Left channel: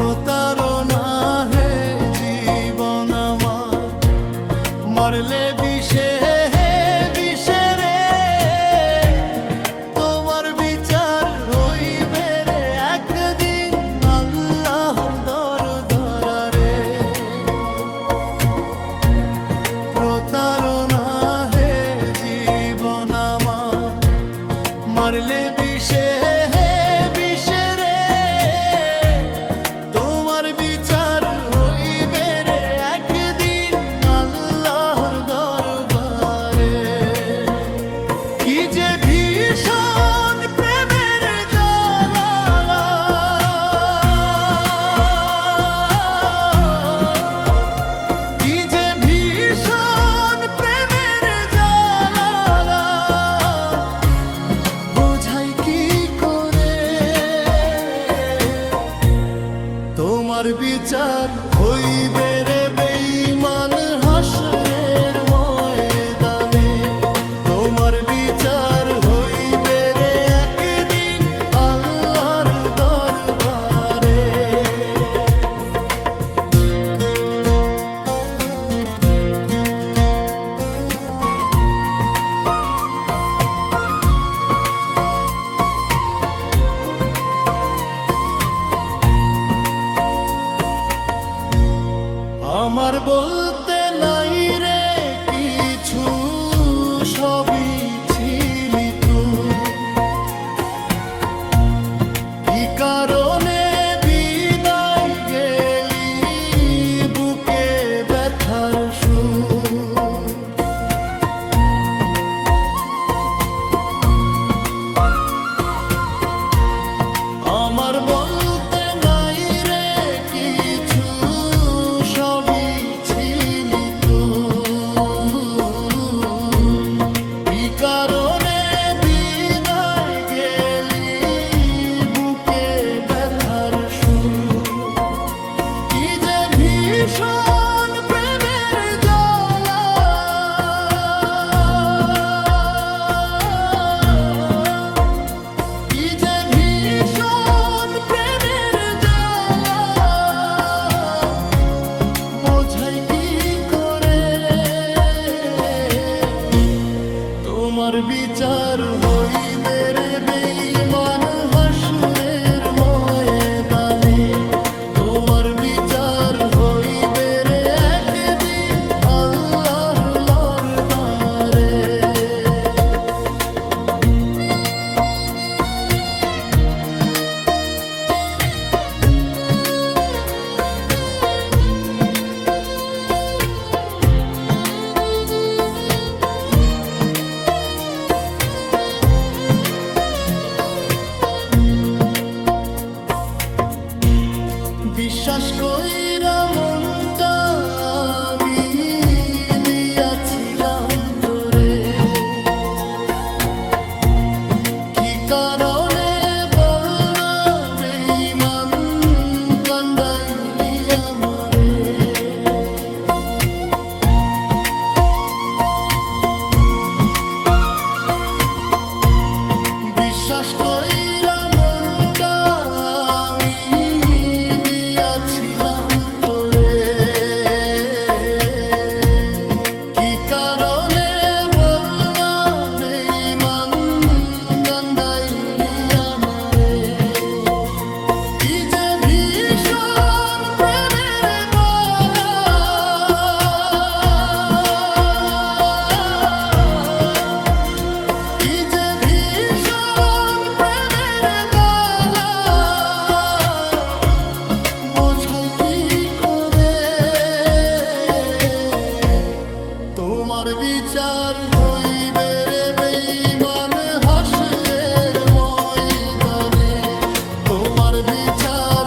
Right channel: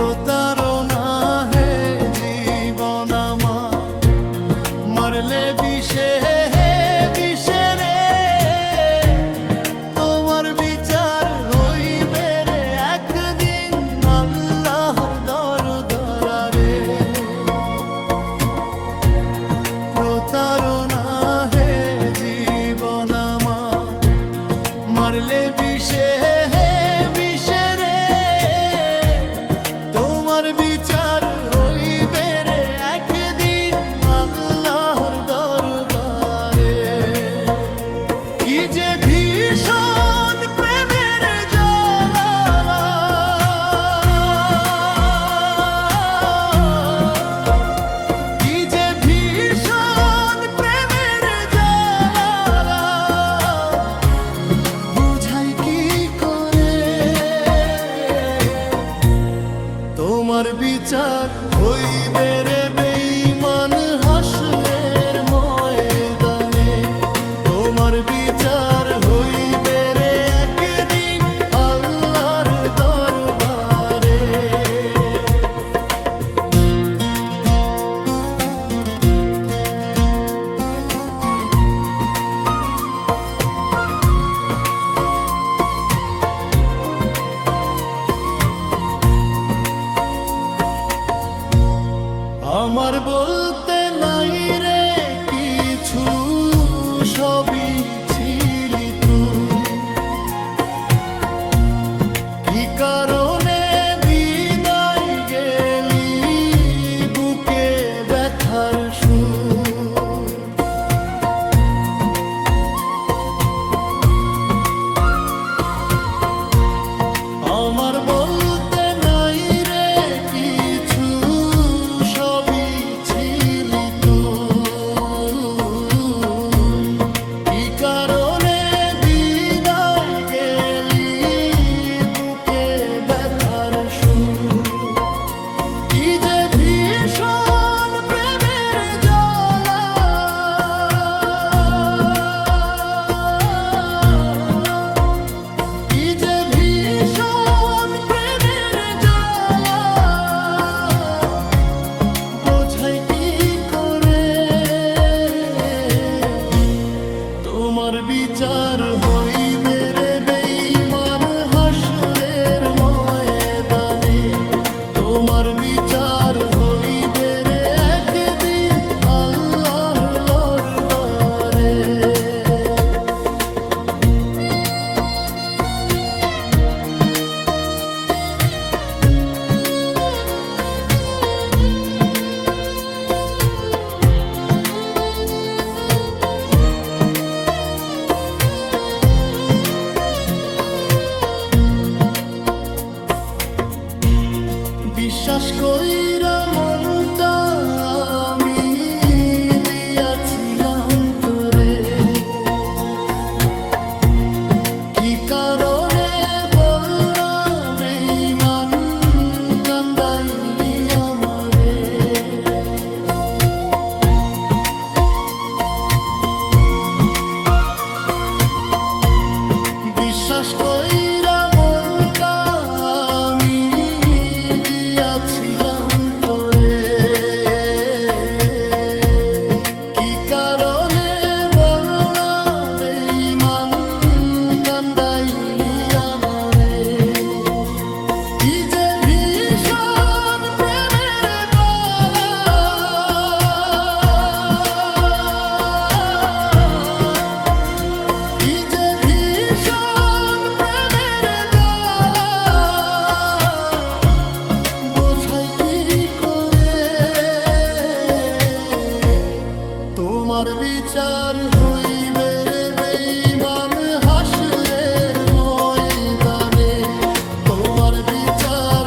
প্রতারণা হে জীবন আমার, মারলে বিষে বিষে রে, তোমার বিচার হইবে রে একদিন আল্লাহর দরবারে। প্রতারণা হে জীবন আমার, মারলে বিষে বিষে রে, তোমার বিচার হইবে রে একদিন আল্লাহর দরবারে। কি যে ভীষণ প্রেমের জ্বালা, কি যে ভীষণ প্রেমের জ্বালা, বোঝাই কি করে। তোমার বিচার হইবে রে বেঈমান হাসরের ময়দানে, তোমার বিচার হইবে রে একদিন আল্লাহর দরবারে। আমার বলতে নাই রে কিছু, সবই ছিলি তুই। কি কারণে বিদায় গেলি বুকে ব্যথার সুর। আমার বলতে নাই রে কিছু, সবই ছিলি তুই। কি কারণে বিদায় গেলি বুকে ব্যথার সুর। কি যে ভীষণ প্রেমের জ্বালা, কি যে ভীষণ প্রেমের জ্বালা, বোঝাই কি করে। তোমার বিচার হইবে রে বেঈমান হাসরের ময়দানে, তোমার বিচার হইবে রে একদিন আল্লাহর দরবারে। বিশ্বাস কইরা মনটা আমি দিয়াছিলাম তোরে, কি কারণে বল না বেঈমান কান্দাইলি আমারে। বিশ্বাস কইরা মনটা আমি দিয়াছিলাম তোরে, কি কারণে বল না বেঈমান কান্দাইলি আমারে। কি যে ভীষণ প্রেমের বালা, কি যে ভীষণ প্রেমের বালা, বোঝাই কি করে। তোমার বিচার হইবে রে বেঈমান হাসরের ময়দানে, তোমার বিচার